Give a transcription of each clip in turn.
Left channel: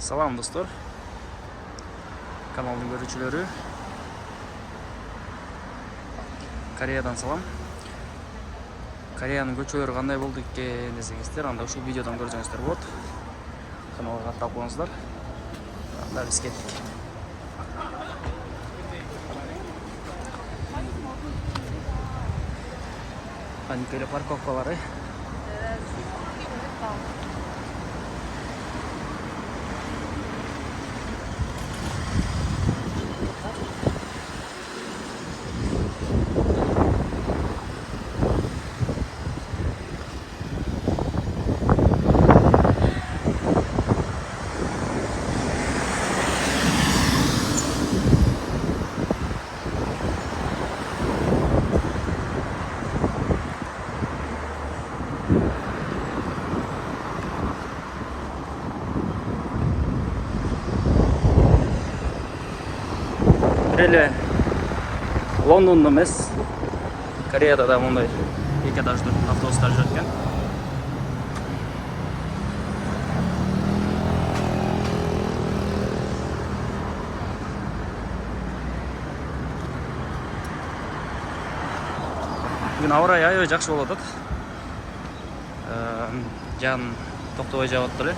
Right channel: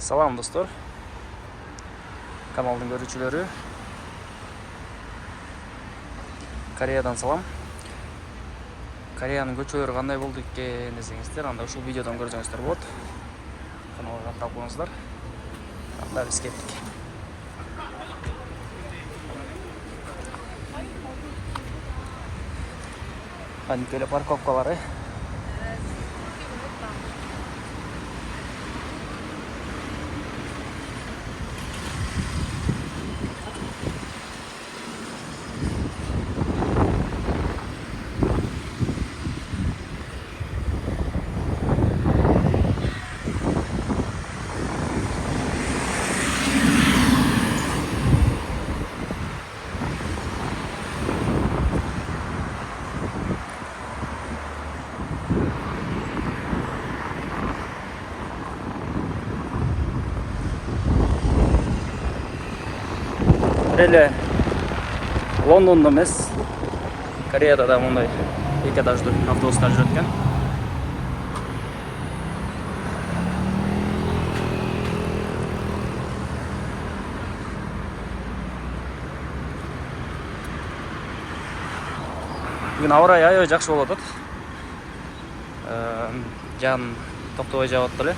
Салам достор, каналдың көрүүчүлөрү. Кореядан салам. Кореянын көчөлөрү кандай болду экен десеңиздер, анда ушул видеодон көрсөңүздөр болот. Каналга катталып коюңуздар. Анда биз кеттик. Анткеле парковкалары. Эле Лондондо эмес, Кореяда да мындай эки этаждуу автобустар жүрөт экен. Бүгүн аба ырайы аябай жакшы болуп атат. Жан токтобой жаап атты эле.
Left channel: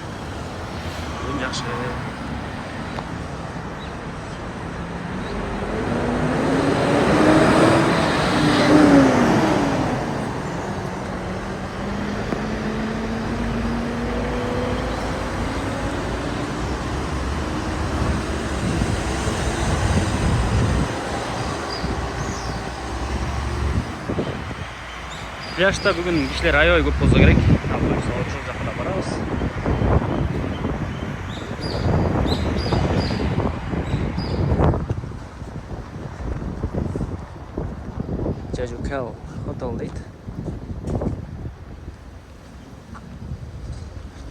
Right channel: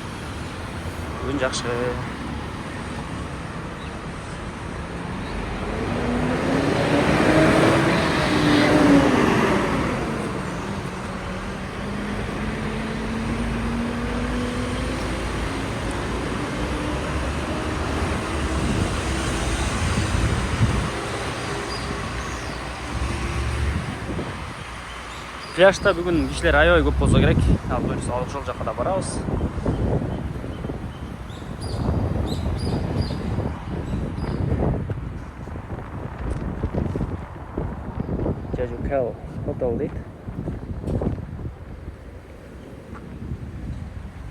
Бүгүн жакшы. Пляжда бүгүн кишилер аябай көп болсо керек. Ал ошол жака да барабыз. Jeju Hotel дейт.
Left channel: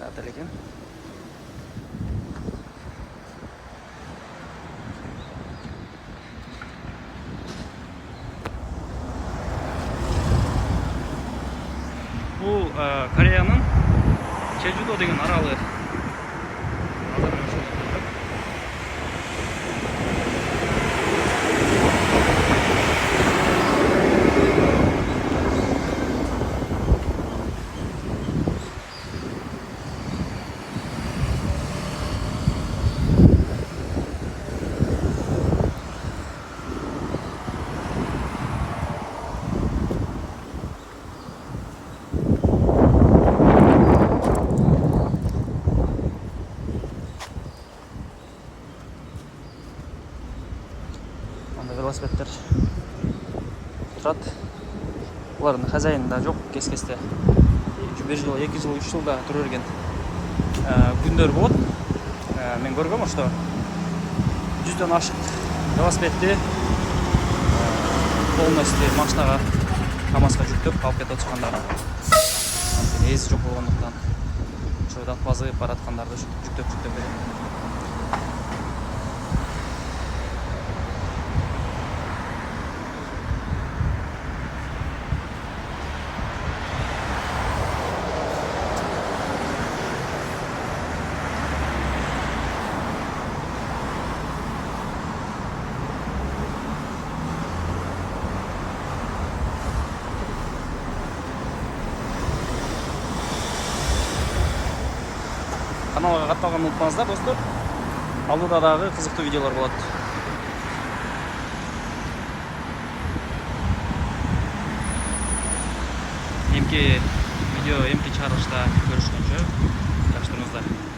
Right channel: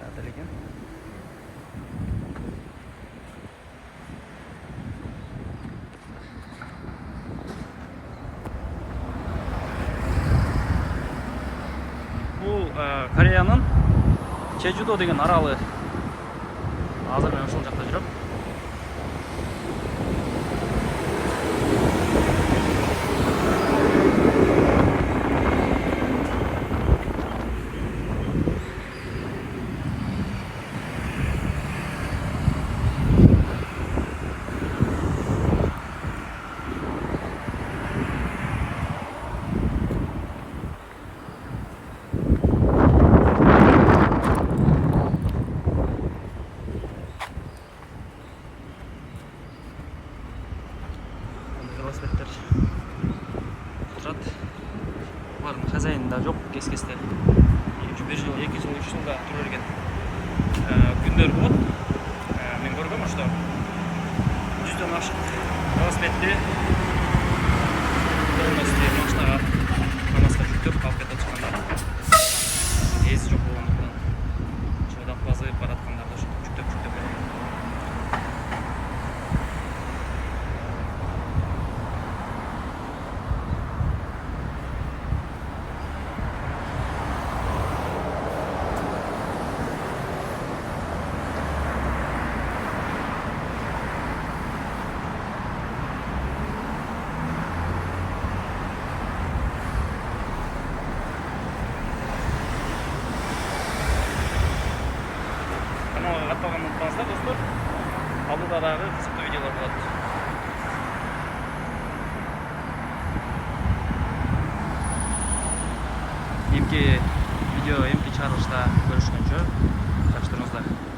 Отель экен. Бул Кореянын Чежудо деген аралы. Азыр мен ошол жакта жүрөм. Велосипедтер турат. Булардын хозяйны да жок, кес-кесте. 1 жыл, 2 жыл, 3 жылда тура берген күндөр болот. Мен көргөм ошто 100дөн ашык велосипедти полностью машинага, КамАЗга жүктөп алып кетип чыккандар. Эси жок болгондуктан ошо базы бараткандарды жүктөп берген. Каналга катталганды унутпаңыздар достор. Алдыда дагы кызыктуу видеолор болот. Эмки видео, эмки чыгарылышта көрүшкөнчө жакшы туруңуздар.